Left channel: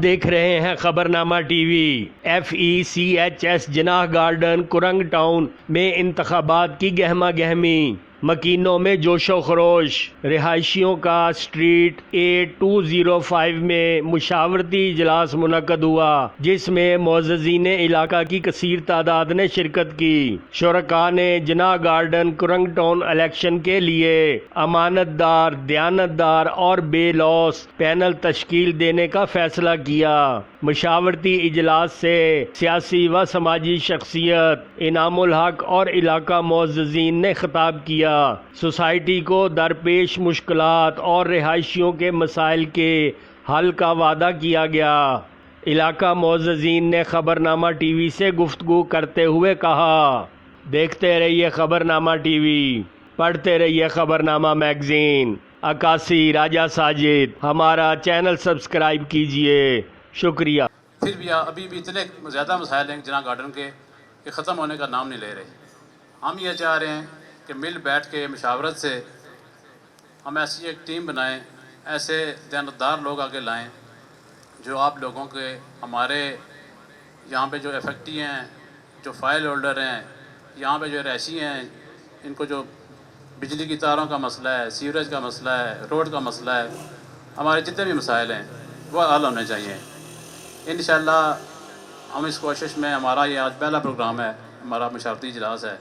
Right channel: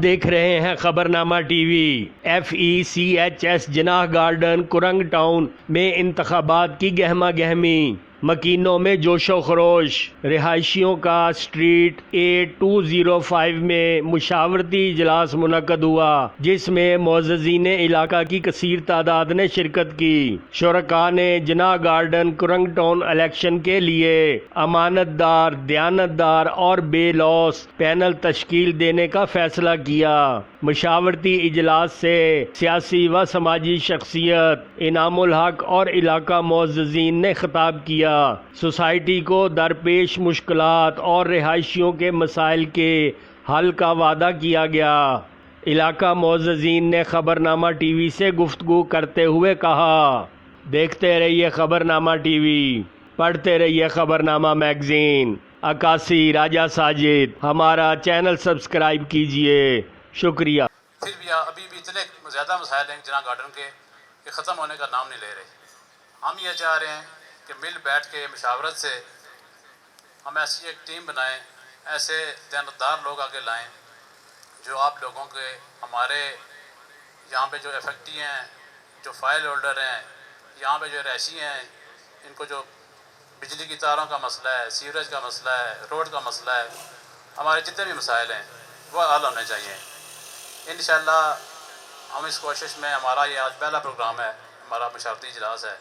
آپ دیکھ رہے ہیں خبرنامہ ٹی وی۔ FECHS جناح گارڈن کرنگ ٹاؤن میں انتخابات کی گہما گہمی، مکینوں میں جوش و خروش۔ رہائشیوں کا اسٹریٹ 8205 میں مشاورتی اجلاس منعقد ہوا جس میں معززین علاقہ کی کثیر تعداد نے شرکت کی۔ شرکاء نے جناح گارڈن کرنگ ٹاؤن الیکشن کے لیے امانت دار، دیانت دار اور بے لوث پینل تشکیل دینے کا فیصلہ کیا۔ مشاورتی اجلاس سے سیاسی و سماجی شخصیت انعام الحق اور علاقہ معززین نے خطاب کیا۔ سوسائٹی کو درپیش مشکلات اور رہائشیوں کے مسائل کے حل کا وعدہ کیا گیا۔ علاقہ معززین نے خبرنامہ ٹی وی سے گفتگو کرتے ہوئے کہا، دیکھتے رہیے خبرنامہ ٹی وی، پڑھتے رہیے خبرنامہ میگزین۔ عکاسی راجہ ساجد، ہمارا چینل سبسکرائب کیجئے، شکریہ۔ پھر بھی ابھی بھی اتنے زیادہ مسائل ہیں جناح گارڈن کے کہ ختم ہونے کا نام نہیں لے رہے۔ ہم یہ چاہ رہے ہیں کہ مل بیٹھ کے مشاورت سے ہم ایسی ایک ٹیم بنائیں، ایسے دیانتدار لوگ آگے لائیں جو آپ لوگوں کے، ہمارے یہاں پہ جو افیکٹی ہیں، جو فائل ہولڈر ہیں، یہاں پہ جو رہائشی ہیں، ان کو جو بجلی کی تاروں کا مسئلہ ہے، سیوریج کا مسئلہ ہے، روڈ کا مسئلہ ہے، ہمارے جتنے بھی مسائل ہیں وہ حل ہونے چاہیے۔ انشاءاللہ ہم اس کوشش میں، ہمارا یہ آج پہلا پروگرام ہے، ہمارا مشاورتی اجلاس ہے،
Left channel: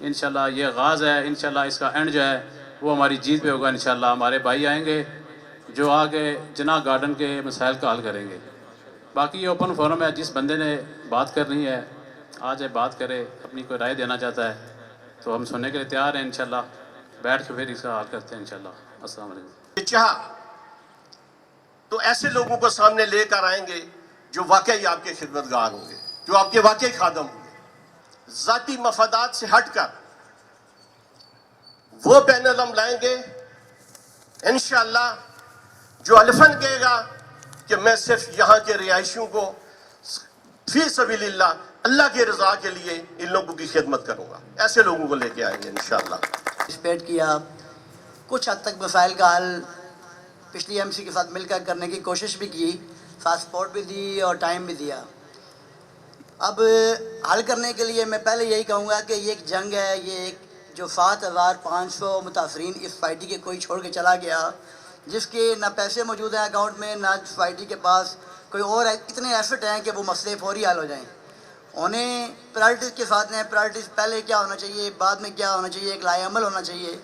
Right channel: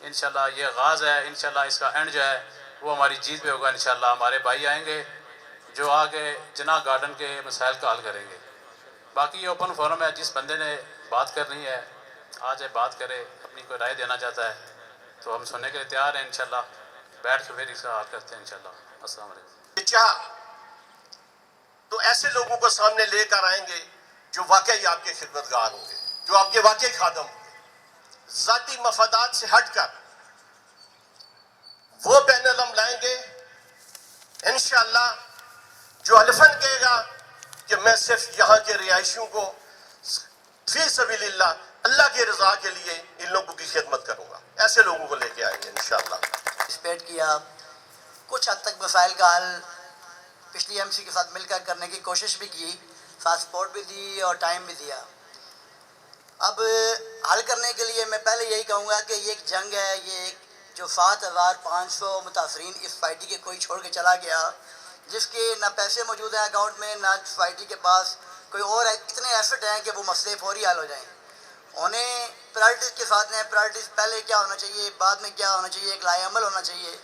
انشاءاللہ یہ آغاز ہے، انشاءاللہ اس کا اینڈ جو ہے وہ ہماری جیت پہ ہوگا۔ انشاءاللہ ہمارے بھائی آئیں گے جو آگے جناح گارڈن کے مسائل کا حل کریں گے۔ باقی یہ اوپن فورم ہے، جس بندے نے بات کرنی ہے آج بات کرے، اپنی کوئی رائے دینا چاہتا ہے تو ہم سننے کے لیے تیار ہیں۔ انشاءاللہ بیٹھ کے پھر اس کا حل کرتے ہیں انشاءاللہ۔ السلام علیکم۔ چاہا تو ایسے لوگوں کو سامنے لے کر آئیں گے جو واقعی آپ کے خدمتگار ہوں گے، جو آپ کے واقعی خادم ہوں گے۔ ذاتی مفادات سے ہٹ کر وہ پینل ہم لائیں گے انشاءاللہ جو الفن کہے گا کہ میں صرف یہاں کے رہائشیوں کو فی سبیل اللہ، اللہ کی رضا کے لیے ان لوگوں کی خدمت کروں گا۔ ایسے لوگوں کو لے کے آئیں گے انشاءاللہ۔ پارٹیسپیٹ کیا، کچھ حد تک مسائل کا حل پچھلی MC کے ساتھ مل کر کرنے کی کوشش بھی کی، ساتھ سپورٹ بھی دی اور ٹائم بھی دیا۔ اب حل کرنے کے لیے میں پہلے یہی کہوں گا کہ یہ ایک جنگ ہے، یہ ایک جو 7500 متاثرین اس سوسائٹی کے کوئی چھوڑ کے چلا گیا، جس کے نہ پیسے موجود ہیں اکاؤنٹ میں، نہ سوسائٹی کے پاس کوئی اور اتنے ایسٹ ہیں کہ وہ مسئلے فوری حل ہو جائیں۔ انہیں پرائرٹیز کے ساتھ ہیں، پرائرٹیز پہلے کیا ہونا چاہیے، بعد میں کیا ہونا چاہیے، ایک لائحہ عمل ہونا چاہیے۔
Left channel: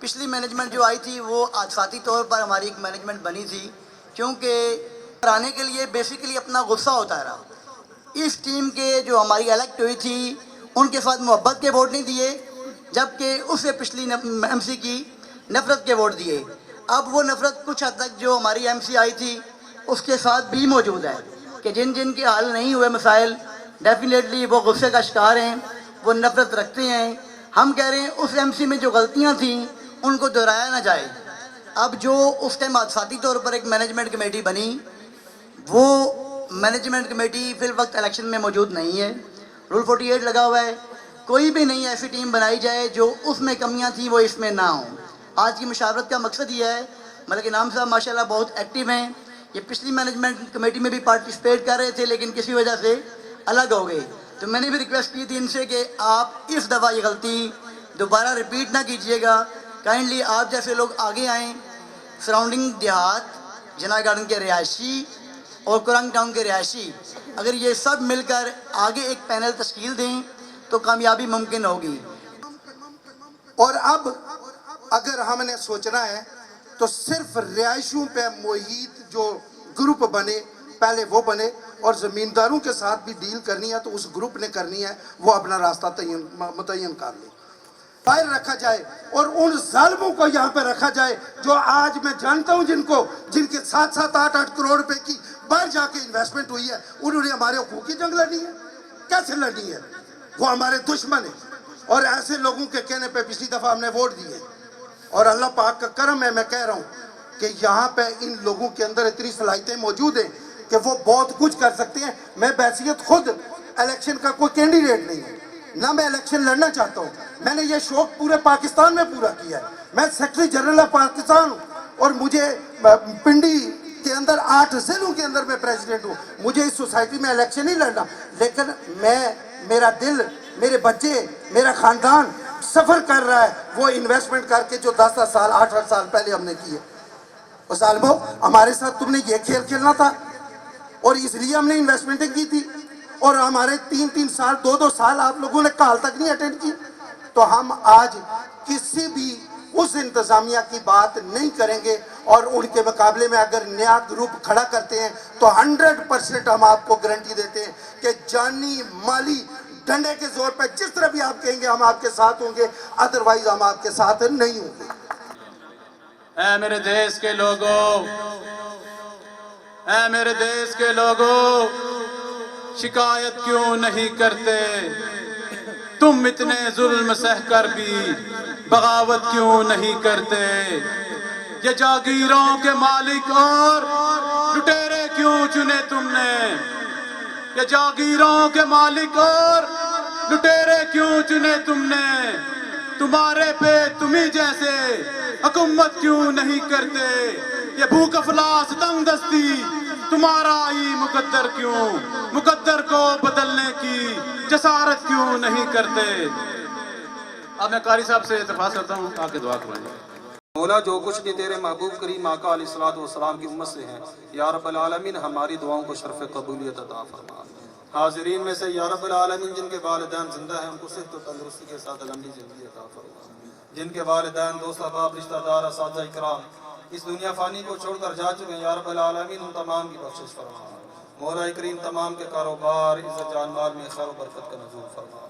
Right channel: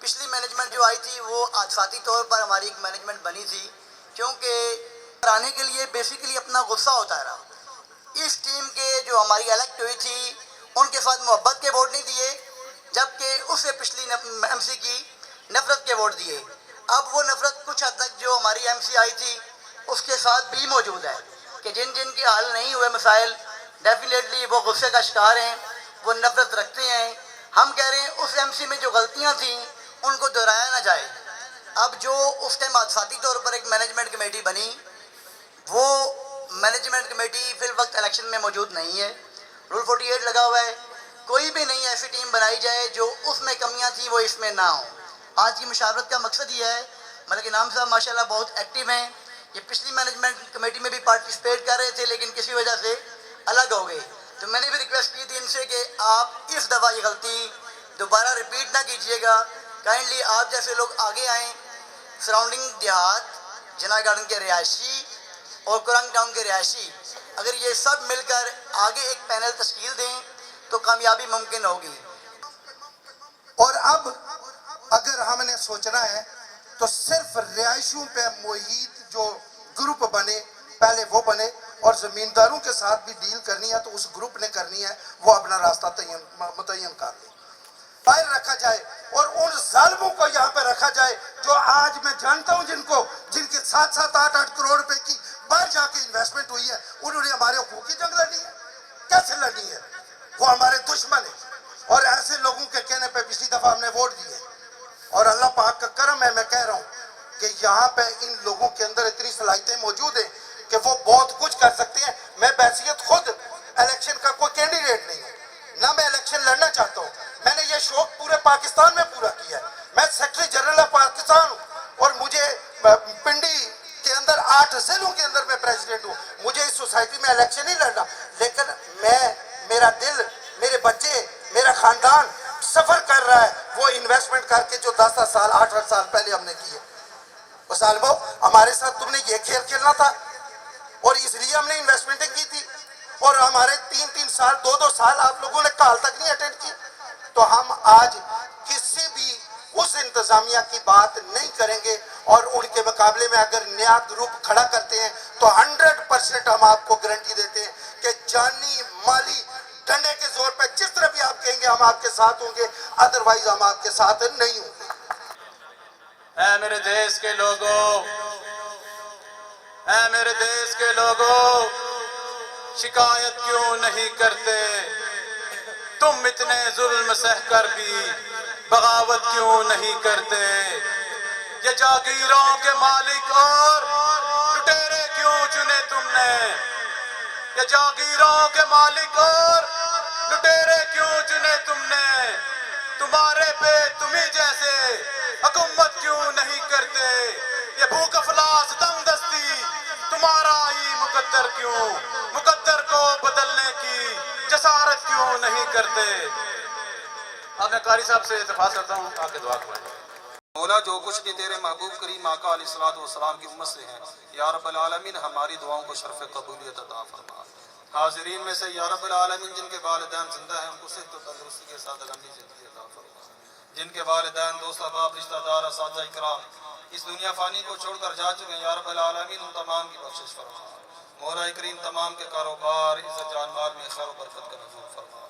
پچھلی مینجمنٹ جو آئی تھی وہ آتفاتی طور پر ہماری ایک مینجمنٹ بنی تھی، کیونکہ کرانے کے لیے بیسیکلی اپنا غصہ ہوتا رہا۔ اس ٹیم کے جو ہماری الیکٹ ہوئی تھی ان کے ساتھ محبت کے ووٹ نہیں دیے، جبکہ اس سے پچھلی MC کی نفرت کے ووٹ دیے۔ اب وہ نفرت کچھ حد تک جو ہماری MC آئی تھی اس کے ساتھ بھی موجود ہے کہ جن کے حل نہیں ہوئے مسائل، ڈیفینیٹلی وہ غصے کا شکار ہیں، وہ نفرت رکھتے ہیں۔ ہم کہہ رہے ہیں اس MC میں جو غلطیاں تھیں ان کو دہرایا نہ جائے۔ اب جو اس ٹائم آتفاتی طور پر ایک مینجمنٹ کمیٹی بنی، وہ مینجمنٹ کمیٹی فی الوقت الیکشن میں موجود نہیں ہے۔ رول 48 لگا ہوا ہے، کوئی بھی نئی ایسی ٹیم بنائی جائے جو اس میں کمیاں تھیں وہ اس میں نہ ہوں۔ آج کی مشاورت کا مقصد یہ ہے، ملک انعام صاحب ماشاءاللہ بہت ایکٹیو ہیں، یہ پچھلی مینجمنٹ کمیٹی میں بھی پارٹیسپیٹ کر رہے تھے لیکن کسی وجہ سے الگ ہو گئے، تو میں نے بھی ریکویسٹ کی تھی ان سے کہ آپ اس دفعہ یہ غلطی دوبارہ ریپیٹ نہ کیجیے گا، کائنڈلی آپ جیسے لوگ آگے آئیں، سراؤنڈنگ دیہات، جناح گارڈن کے رہائشی اور کرنگ ٹاؤن کے رہائشی، اگر یہ سب مل کر آگے ایک پینل تشکیل دیں تو کامیابی ممکن ہوگی۔ اور اب اگر ہم نے سوچنا ہے تو صرف رہائشوں پہ محیط جو گروپ بنے پہلے وہ بنے، اور زمینداروں کے ساتھ بھی ڈیل کرنی ہے تو اس گروپ نے کرنی ہے، وہ اپنا راستہ متعین کر لے، فائل رکھا جائے اور ان ظالموں کو یہاں پہ رکھا جائے جو آج میں جانتا ہوں جن کے 7-7 8-8 کروڑ روپے کی باہر جا کے انویسٹمنٹ ہوئی ہے، انہوں نے ہمارے حقوق کی جنگ لڑی ہے، کیسے لڑی ہے؟ وہ ہمارے دشمن ہیں، اور ایسے لوگوں کے کہنے پہ پچھلی دفعہ ہم نے ووٹ دیے، اور اللہ پاک کا کرم ہے، میں کہہ رہا ہوں کہ یہاں پہ ان لوگوں کے اندر اتنی صلاحیتیں موجود ہیں کہ وہ بہت کچھ کر سکتے ہیں۔ میں بحیثیت خود الیکشن کا کوئی کینڈیڈیٹ نہیں ہے، نہ میں الیکشن لڑنا چاہتا ہوں، میں نے یہ شوق پورے پاکستان میں پورا کیا ہے، میں سیکرٹری جنرل آف پاکستان ہوں، اور مجھے پنڈی के अंदर 8 जिलों के अंदर मैं प्रेसिडेंट हूँ, मुझे इस सोसाइटी में इलेक्शन नहीं लड़ना, लेकिन मेरा दिल, मेरे बच्चे, मेरा खानदान सफर कर रहा है वो इन्वेस्टमेंट करके जो 10-10 साल 8-8 साल पहले हमने किया। और सालबो हमारे साथ तुमने ये खेल खेलना था और इसलिए हमने इन्वेस्टमेंटें की थी, और हमारे 3-3 साल 2-2 साल आप लोगों ने कॉल तक नहीं अटेंड की। तो हम आज किसी भी उस इंतजामिया की बात नहीं करेंगे, और उनके मुकाबले में अगर नया ग्रुप खड़ा करते हैं तो 100% हम आपको गारंटी देते हैं कि जानी माली डंडे के जोर पे जिस तरह भी आप कहेंगे हम आपके साथ होंगे, अदरवाइज हम आपके साथ नहीं होंगे। ऐ मेरे देश के लोगों, ऐ मेरे देश के लोगों, शिकायत क्यों नहीं करते? तुम इतने जुल्म सह कर भी बगावत क्यों नहीं करते? ये जागीरों के मालिक और लुटेरे क्यों चुने तुमने? ये जागीरों के मालिक और लुटेरे क्यों चुने तुमने? तुम्हारे पे तुम्ही जैसे हुकूमत क्यों नहीं करते? ये भूख अफलास तंगदस्ती तुम्हारा ही मुकद्दर क्यों? मुकद्दर को बदलने की जसारत क्यों नहीं करते? अब मैं कारी साहब से इत्तेफाक करता हूँ, आपकी दुआ करेंगे। मौला जो कुछ भी तेरे महबूब करीम आका अलैहिस्सलातु वस्सलाम की उम्मत से है, या रब्बल आलमीन हमारी दुआओं को शर्फ कबूलियत अता फरमा। हाज़रीन में से या रब्बल आलमीन जिनके वालिदैन जिंदा हैं उनको सेहत व तंदुरुस्ती के साथ लंबी ज़िंदगी अता फरमा। जिनके वालिदैन, दोस्त, अहबाब, रिश्तेदार, असातिज़ा इकराम इस दुनिया फ़ानी को छोड़कर जा चुके हैं, या रब्बल आलमीन उन तमाम की बख्शिश फरमा। मौला करीम तमाम के कारोबार, इज़्ज़त, जान माल में खैर व बरकत का नज़ूल फरमा।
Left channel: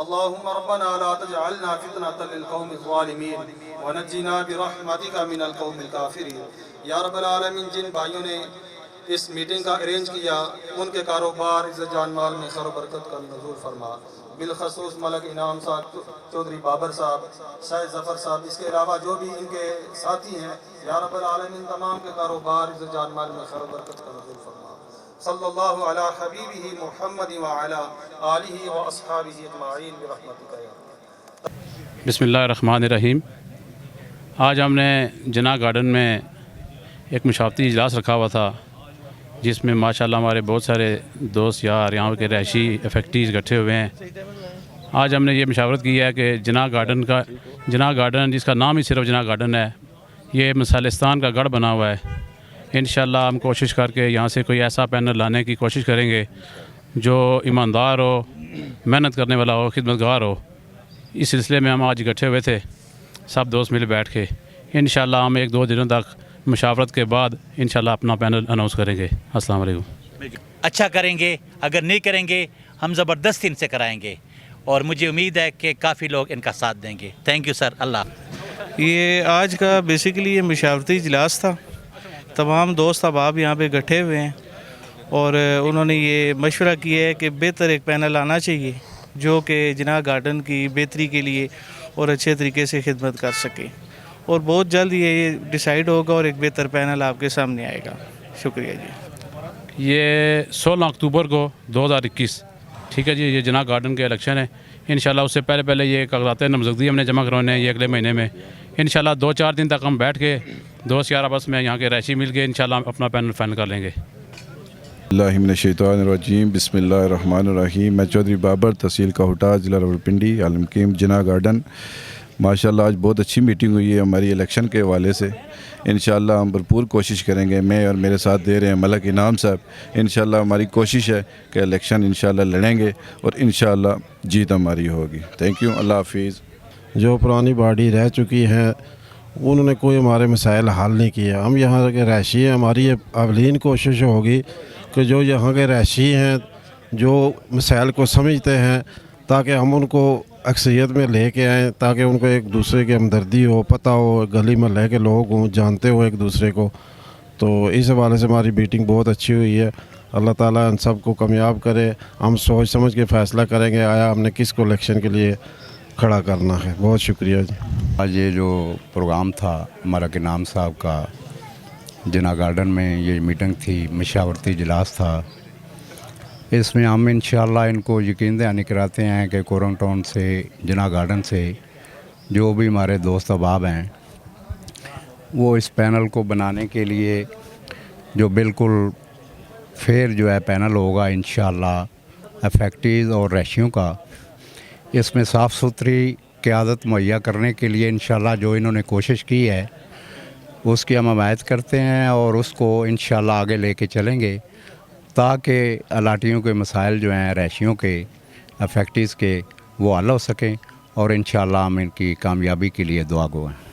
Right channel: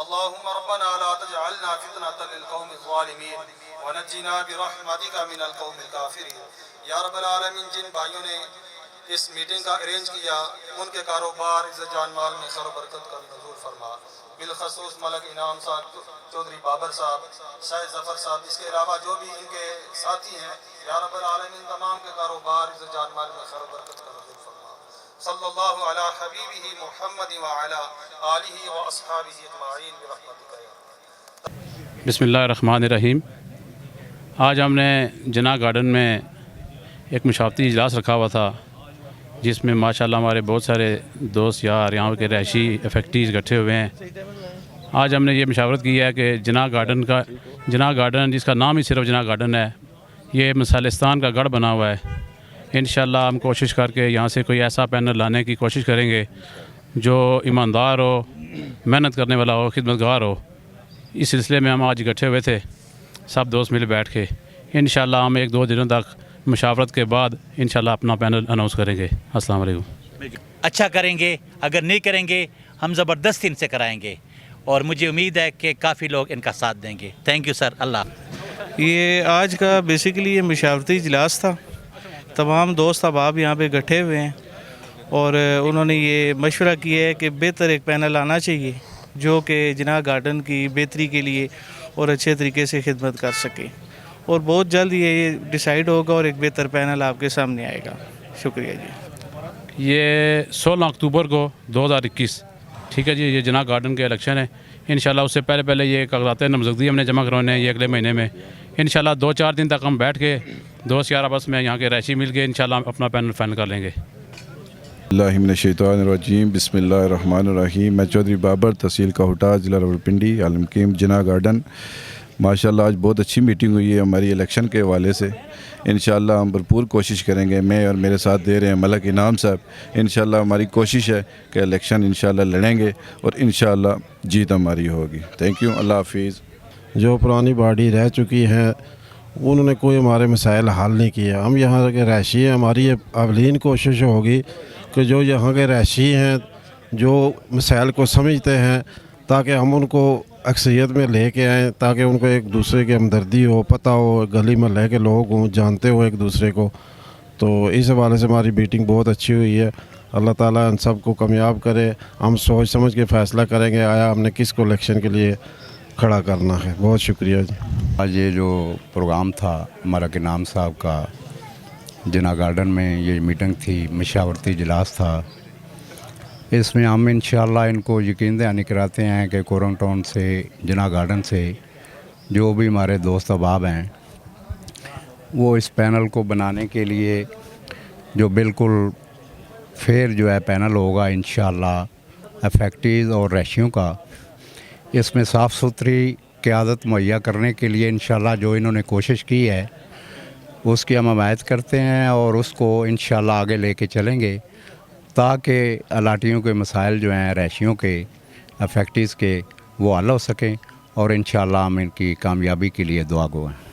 अल्लाहुम्मा रब्बना ला तजअलना फितनतन लिलकौमिज़ ज़ालिमीन वनज्जिना बिरहमतिका मिनल कौमिल काफिरीन। या रब्बल आलमीन जिन भाइयों ने इस मीटिंग का अरेंज किया उनके कारोबार, इज़्ज़त, जान माल में खैर व बरकत का नज़ूल फरमा। बिलखसूस मलक इनाम साहब, चौधरी बाबर साहब, शाह जफ़र साहब, इसके अलावा जो भी इनके साथी हैं, या रब्बल आलमीन तमाम के कारोबार, इज़्ज़त, जान माल में खैर व बरकत का नज़ूल फरमा। सल्लल्लाहु अला हबीबिही मुहम्मद व अला आलिही व अस्हाबिही अजमाइन बिरहमतिका या रब्ब। बिस्मिल्लाहिर्रहमानिर्रहीम। आज हमने जना गार्डन में एक मुशावरती इजलास रखा हुआ था, जिसमें माशाल्लाह हमारे बहुत सारे दोस्त यार, यहाँ के रहायशी इफेक्टिव इकट्ठे हुए हैं। आज हमने ये मशावरत की है कि जना गार्डन जिसका नाम ही सिर्फ जना गार्डन है, ये मिसालिस्तान का गढ़ बना हुआ है। इंशाल्लाह हम कोशिश करके यहाँ से कोई ऐसा पैनल लाने की कोशिश करेंगे जो ईमानदार हो, मेहनत करने वाला हो, खिदमतगार हो। इस सिलसिले में हम आज इकट्ठे हुए थे, सब दोस्त मिल बैठ के। इंशाल्लाह हम 1-2 दिनों तक मुशावरत के बाद इंशाल्लाह अपना पैनल अनाउंस करेंगे। अस्सलाम वालेकुम। अच्छा करेंगे, अगर नहीं करेंगे हम ज़बरदस्ती इनसे कराएंगे, और मुझे उम्मीद है कि काफ़ी लोग इनका साथ देंगे। Thank you sir. अल्लाह। ये आज का बेसिकली ये मुशावरती इजलास था। तमाम दोस्त अहबाब यहाँ पे इकट्ठे हुए हैं और उन्होंने ये मशवरा किया है कि बेहतर एक पैनल आना चाहिए जो कि जना गार्डन की बेहतरी के लिए और अच्छे तरीके से खिदमत कर सके, और बहुत जल्द ये डिसाइड होगा और एक बेहतर पैनल आपके सामने आएगा। शुक्रिया जी। ये 16 अक्टूबर को 2021, ठीक है जी, ये जना गार्डन के इलेक्शन है। इंशाल्लाह उससे पहले ये कागज़ात नामज़दगी हमने जमा करवाने हैं, ये अगले महीने में। इंशाल्लाह 2-4 दिन तक हम बैठ के दोस्त यार आपस में यहाँ के रहायशी मिल के इंशाल्लाह अपना पैनल फाइनल कर लेंगे। बिस्मिल्लाहिर्रहमानिर्रहीम। बिस्मिल्लाहिर्रहमानिर्रहीम। मैं चौधरी बाबर, तहसील काहुटा, ज़िला रावलपिंडी, आलमकीम जना गार्डन। माशाल्लाह आज बहुत अच्छी मीटिंग हुई है हमारी इलेक्शन के हवाले से। इंशाल्लाह हम भरपूर कोशिश करेंगे, मैं और मेरे साथ दे रहे हैं मलक इनाम साहब। इंशाल्लाह हमारी कोशिश है कि इलेक्शन इंशाल्लाह लड़ेंगे और इंशाल्लाह जीत हमारी होगी। Thank you. अल्लाह हाफिज़। जो पुरानी बॉडी रह चुकी है उन्होंने कोई हमारे मसाइल हल नहीं किया। हम यहाँ के रहायशी हैं, हमारी ये अवलीन कोशिश होगी कि जो यहाँ के रहायशी हैं जो मसाइल को समझते हैं, ताकि हम उनको अक्सरियत में लेके आएँ, ताकि उनको एक दूसरे की हमदर्दी हो, पता हो, गली महल्ले के लोग हों, जानते हो एक दूसरे को। तो इस हवाले से हमारी मीटिंग बहुत अच्छी हुई है। अल्लाह ताला इन सब को कामयाब करे। हम सोच समझ के फ़ैसला करेंगे आया हमने किस को इलेक्शन के लिए खड़ा करना है। बहुत शुक्रिया जी। आज ये जो प्रोग्राम था मलक इनाम साहब का, जना गार्डन में ये मीटिंग थी, मशावरती इजलास था। इसमें हम इंशाअल्लाह इनको यकीन दहानी कराते हैं कि कोरंग टाउन से, जना गार्डन से जो भी हमारे दोस्त अहबाब हैं वो इस पैनल को बनाने के लिए जो बिल्कुल फेयर जो है पैनल होगा इंशाअल्लाह अफेक्टीज़ और रैशियों का। इसमें साफ़ सुथरी क़यादत मुहैया करने के लिए इंशाअल्लाह जो इन्होंने कोशिश की है उसकी हम हमायत करते हैं और उसको इंशाअल्लाह आगे लेके चलेंगे ताकि अलाटियों के मसाइल जो हैं रैशियों के अफेक्टीज़ के वो हल हो सकें और इंशाअल्लाह हम इनकी कामयाबी के लिए दुआ गो हैं।